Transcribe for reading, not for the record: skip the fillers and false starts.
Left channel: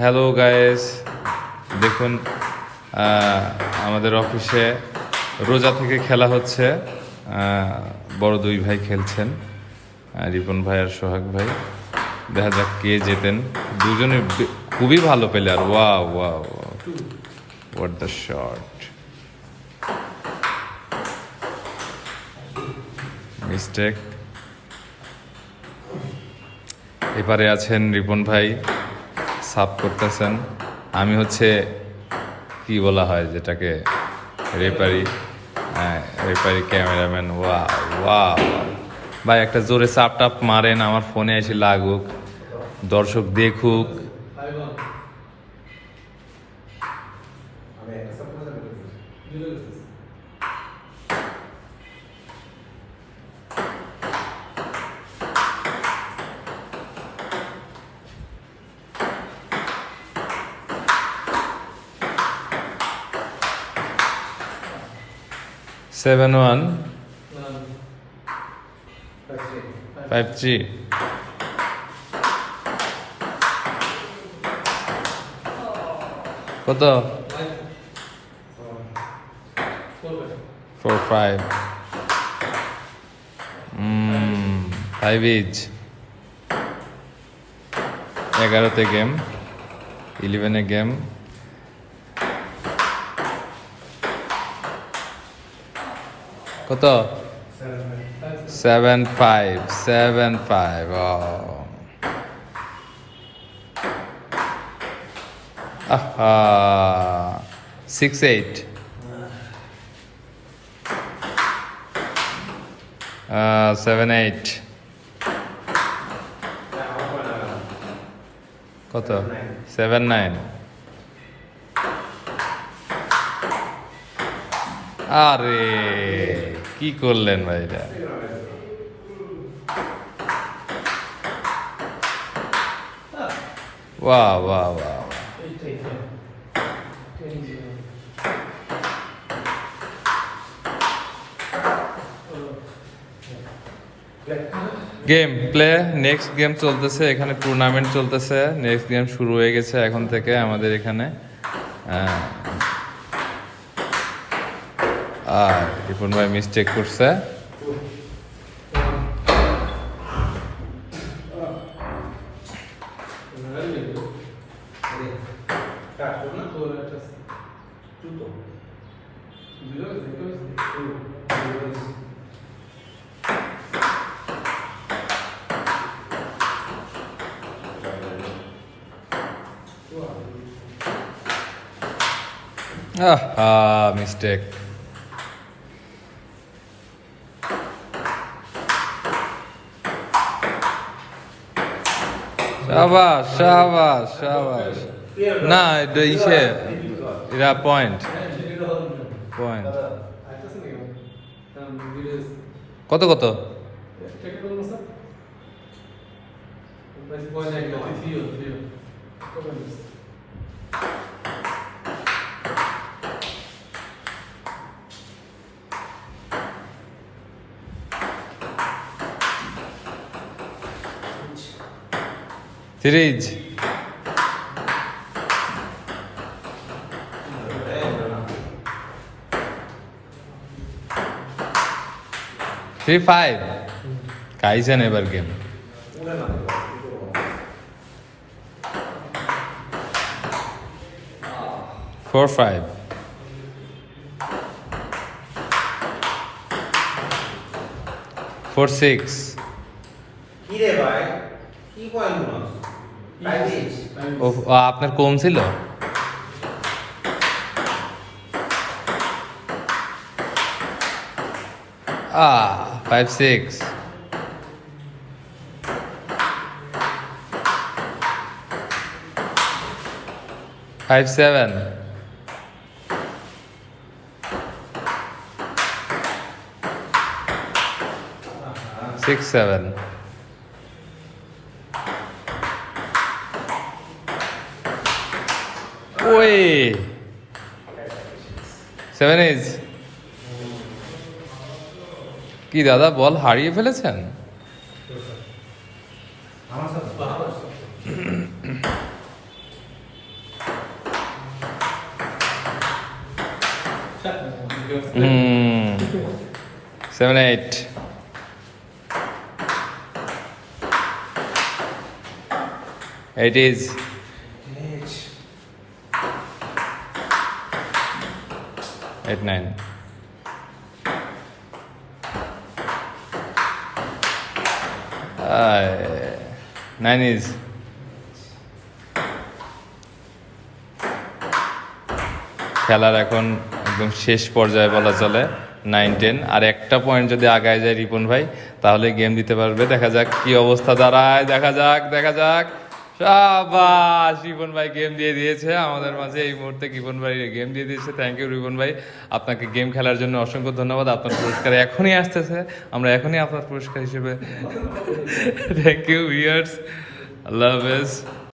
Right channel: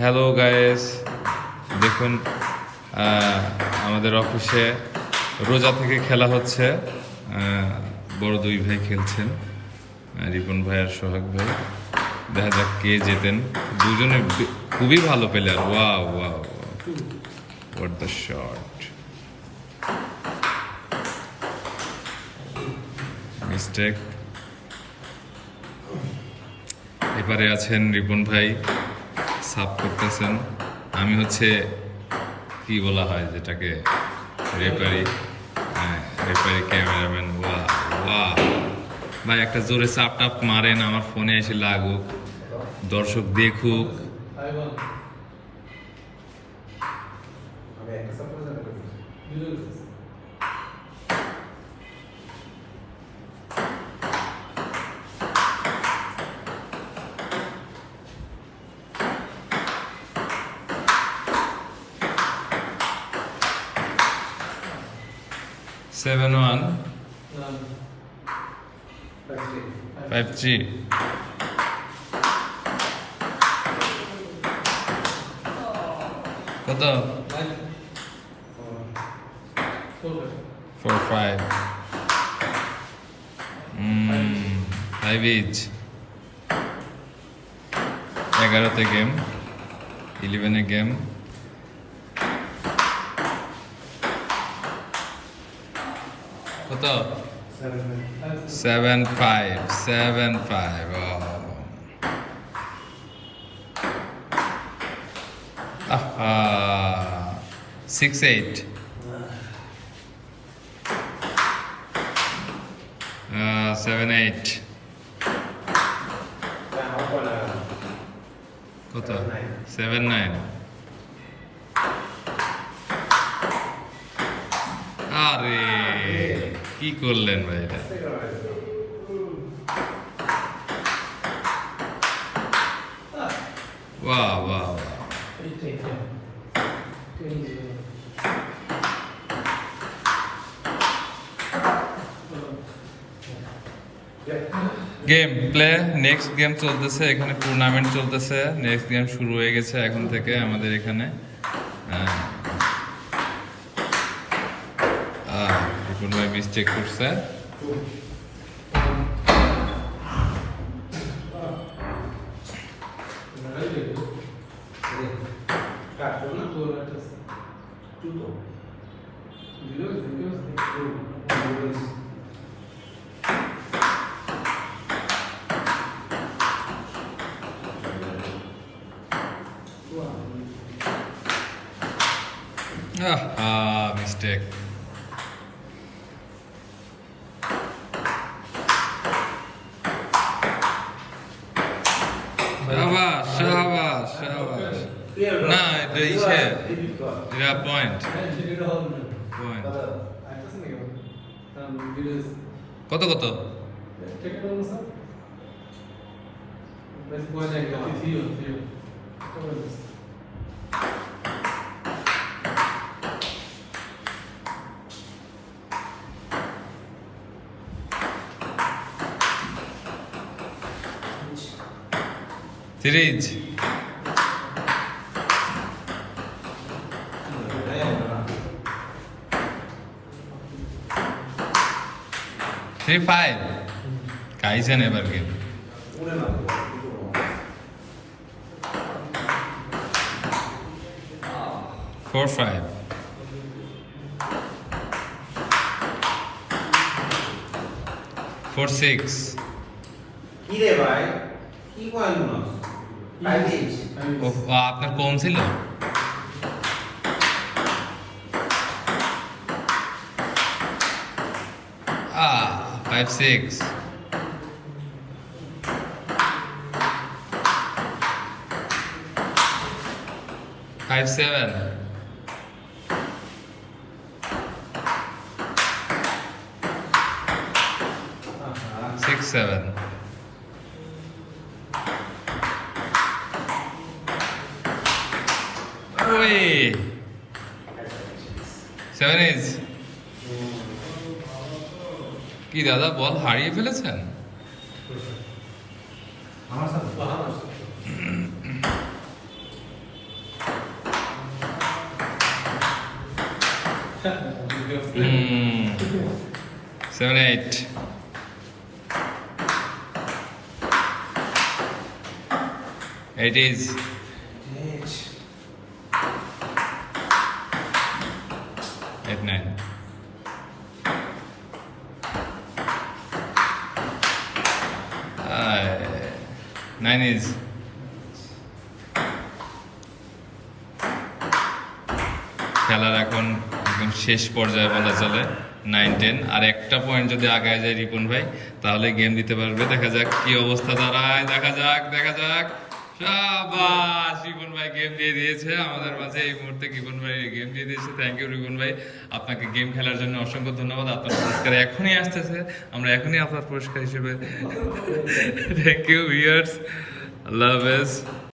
Hello guys, দেখুন আমাদের অফিসে রোজা থেকে খেলা হচ্ছে। বড় দুই ভাই খেলছেন, রিপন ভাই আর সোহাগ ভাই। দেখা যাক কে জেতেন। দুজনে খুবই ভালো player. Wow wow, what the shot, mistake. এপারে আছেন রিপন ভাই, সাফ করতেছেন। আমি হচ্ছে কি বলা হয় যেটাকে, রেপারি। হ্যাঁ, রেপারি ক্যামেরাম্যান। ওয়া ওয়া ভাই, একটা জোরে চাপ টাপ মারেন, আমার ফোনে এসে লাগুক, দর্শক দেখুক। Seven one 5-3। কত? 4-5। 5 ইচ। 11তে গেম, 11-এ গেম। কত? 7-5। 7-5। 6-8। 7-8। কত? 7-9। আরে কি করলেন ভাই এটা? বাহ বাহ বাহ। গেম প্লে, নেক্সট গেম চলতেছে এখানে, টুর্নামেন্ট চলতেছে। নেক্সট গেম শুরু হয়ে গেছে এখন থেকে আমাদের এখানে। রিপন ভাই মিস্টেক করছে। মিস্টেক। শাবাশ শাবাশ শাবাশ। না, এটা ইসে, এটা পয়েন্ট। পয়েন্ট কত কত? সিরিজ। থ্রি ফাইভ খাইছেন এবার গেম। Four five. 4-6। আপনার কম ছিল। 5-6। 5-7। 6-7। ওই 7 ইজ কি দাদা, বল হারিয়ে ফেলেছেন? 7, 8. It is 8, 9. Uh, 9 is খেলার এখন একদম শেষ পর্যায়ে বলা চলে, 9, 10। আর একটা পয়েন্ট যদি আগায় যায় রিপন ভাই, তাহলে গেম দিতে পারবে। দেখা যাক কি অবস্থা দাঁড়ায়, দেখা যাক। শাবাশ, রিপন ভাই গেম দিয়ে দিয়েছে আমাদের মাঝে এই মুহূর্তে। রিপন ভাই গেম দিয়ে দিয়েছে। থ্যাংক ইউ রিপন ভাই, আপনাকে গেম খেলার জন্য অসংখ্য ধন্যবাদ। আপনার পুরস্কার এখনই আসতেছে, আমরা এখনই আপনার পুরস্কার হিসেবে থ্যাংক ইউ ভিউয়ার্স, আল্লাহ হাফেজ।